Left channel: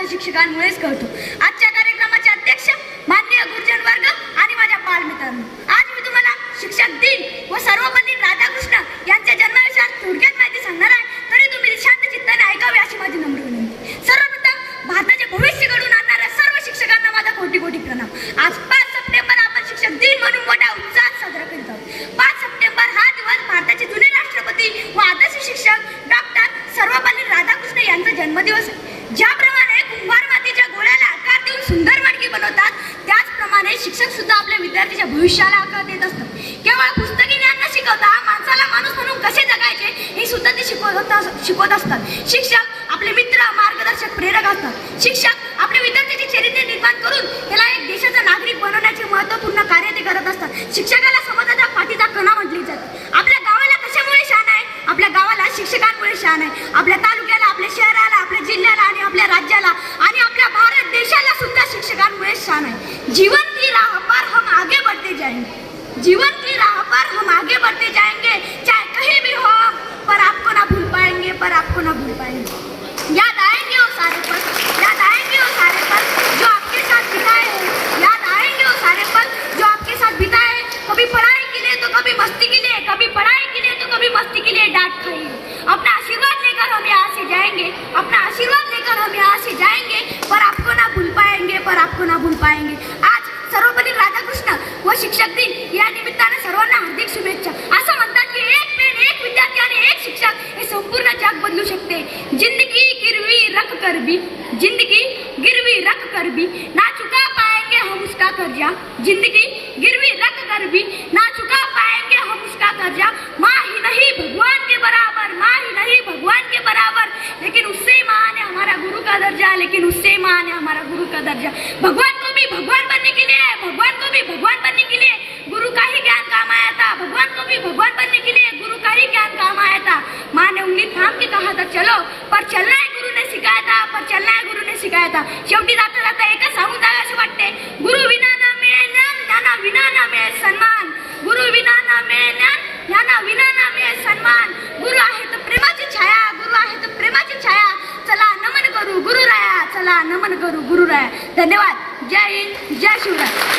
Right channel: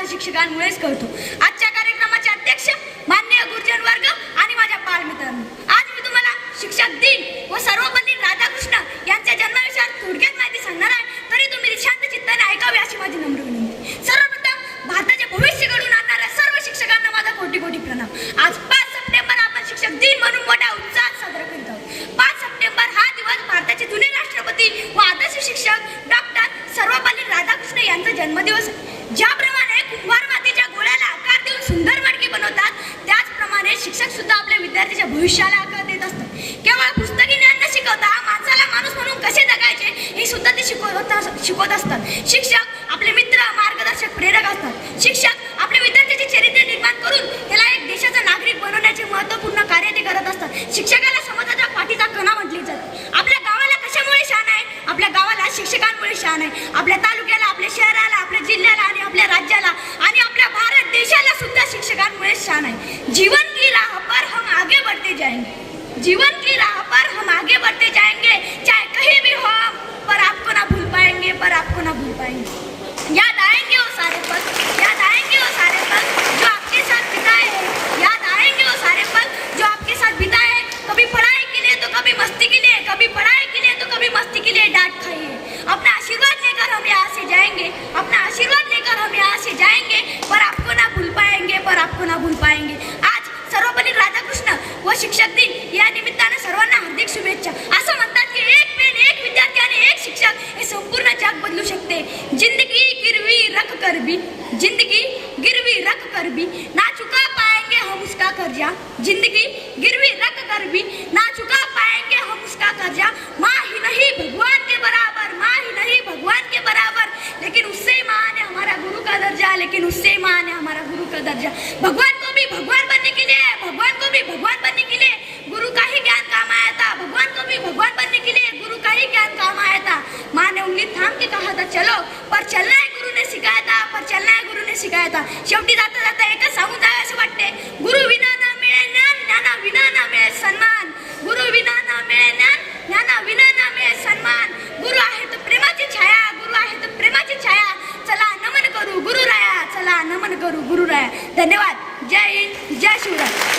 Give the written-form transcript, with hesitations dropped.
फक्त शिक्षकांमुळेच कळतो। आजच्या कार्यक्रमाचे अध्यक्ष माननीय गुरुजन वर्ग आणि माझ्या बालमित्रांनो, आज मी तुम्हाला शिक्षक दिन व सर्वपल्ली राधाकृष्ण यांच्या जन्मविषयात थोडक्यात माहिती सांगणार आहे, तरी तुम्ही शांत चित्ताने ऐकावे अशी माझी नम्र विनंती। सर्वप्रथम भारताचे भविष्य घडवून आणणाऱ्या सर्व शिक्षकांना माझा कोटी कोटी प्रणाम। आज 5 सप्टेंबर आपण शिक्षक दिन म्हणून मोठ्या उत्साहात साजरा करीत आहोत। 5 सप्टेंबर हा दिवस भारताचे जुने राष्ट्रपती व आदर्श शिक्षक डॉक्टर सर्वपल्ली राधाकृष्ण यांचा जन्मदिवस आहे। ज्याप्रमाणे कुंभार मातीच्या गोळ्याला आकार देऊन सुंदर मडकी बनवतात, त्याचप्रमाणे शिक्षक सुद्धा आपल्या विद्यार्थ्याच्या भविष्याला आकार देत असतात। केवळ पुस्तकी ज्ञान न शिकवता माणसाला माणूस म्हणून कसे जगायचे हे सुद्धा ते शिकवत असतात। शिक्षक आपले मित्र, मार्गदर्शक, प्रेरक असतात। शिक्षक आपल्या विद्यार्थ्याचे चरित्र निर्माण करून त्याला एक देशाचा नागरिक बनवण्याचे महत्त्वपूर्ण कार्य ते करत असतात। शिक्षकाला समाजाच्या पाठीचा कणा म्हटले जाते। आपल्या गावाला कशामुळे शान आहे? आपल्या गावाला शिक्षकांमुळे शान आहे। आपल्या तालुक्याला, आपल्या शहराला, आपल्या जिल्ह्याला आणि आपल्या राज्याला आणि आपल्या भारत देशाला सुद्धा शिक्षकांमुळे शान आहे। जीवन की राह पर हम आगे बढ़ते जाएंगे, जीवन की राह पर हम आगे बढ़ते जाएंगे, चाहे कहीं भी हो हम, पर आपको ना भूल पाएंगे, पर आपको ना भूल पाएंगे। याद आएंगे वो सारे पल, याद आएंगे वो सारे पल जो आपके साथ बिताए हैं, याद आएंगे वो सारे पल जो आपके साथ बिताए हैं। कभी पढ़ाई के लिए तो कभी मस्ती के लिए, कभी पढ़ाई के लिए तो कभी मस्ती के लिए डांट खाइए। अपना आशीर्वाद लेकर हम यहाँ से जाएंगे, अपना आशीर्वाद लेकर हम यहाँ से जाएंगे, पर आपको ना भूल पाएंगे, पर आपको ना भूल पाएंगे। आज सर्वपल्ली राधाकृष्ण व शिक्षक दिन या निमित्ताने सर्वांना हार्दिक शुभेच्छा। असं म्हणतात की एक पेन, एक विद्यार्थी आणि एक शिक्षक हे संपूर्ण जग बदलू शकते। जिंदगी गिरवी रख कर भी, जिंदगी गिरवी रख कर भी ना चुका पाएंगे हम उसका कर्जा, जिंदगी गिरवी रख कर भी ना चुका पाएंगे हम उसका कर्जा। माँ ही नहीं भगवान के बराबर, माँ ही नहीं भगवान के बराबर, लेकिन उससे महान है हमारा गुरु का दर्जा, लेकिन उससे महान है हमारा गुरु का दर्जा। भगवान को भी भगवान बनने के लिए, भगवान को भी भगवान बनने के लिए गुरु का ही ज्ञान काम आया था। भगवान को भी भगवान बनने के लिए गुरु का ही ज्ञान काम आया था। माँ ने उंगली थाम के कहा था चलो, पर चलना है गुरु ने सिखाया था, पर चलना है गुरु ने सिखाया था। शेवटी जाता जाता एकच सांगून जावे असे वाटते, गुरु विना ना मिळे ज्ञान, ज्ञाना विना ना मिळे सन्मान। गुरु विना ना मिळे ज्ञान, ज्ञाना विना ना मिळे सन्मान। गुरु आहे तर प्रेमाची छाया, गुरु आहे तर प्रेमाची छाया। चला नमन करू गुरुराया, चला नमन करू गुरुराया। धन्यवाद। जय हिंद, जय शिवराय।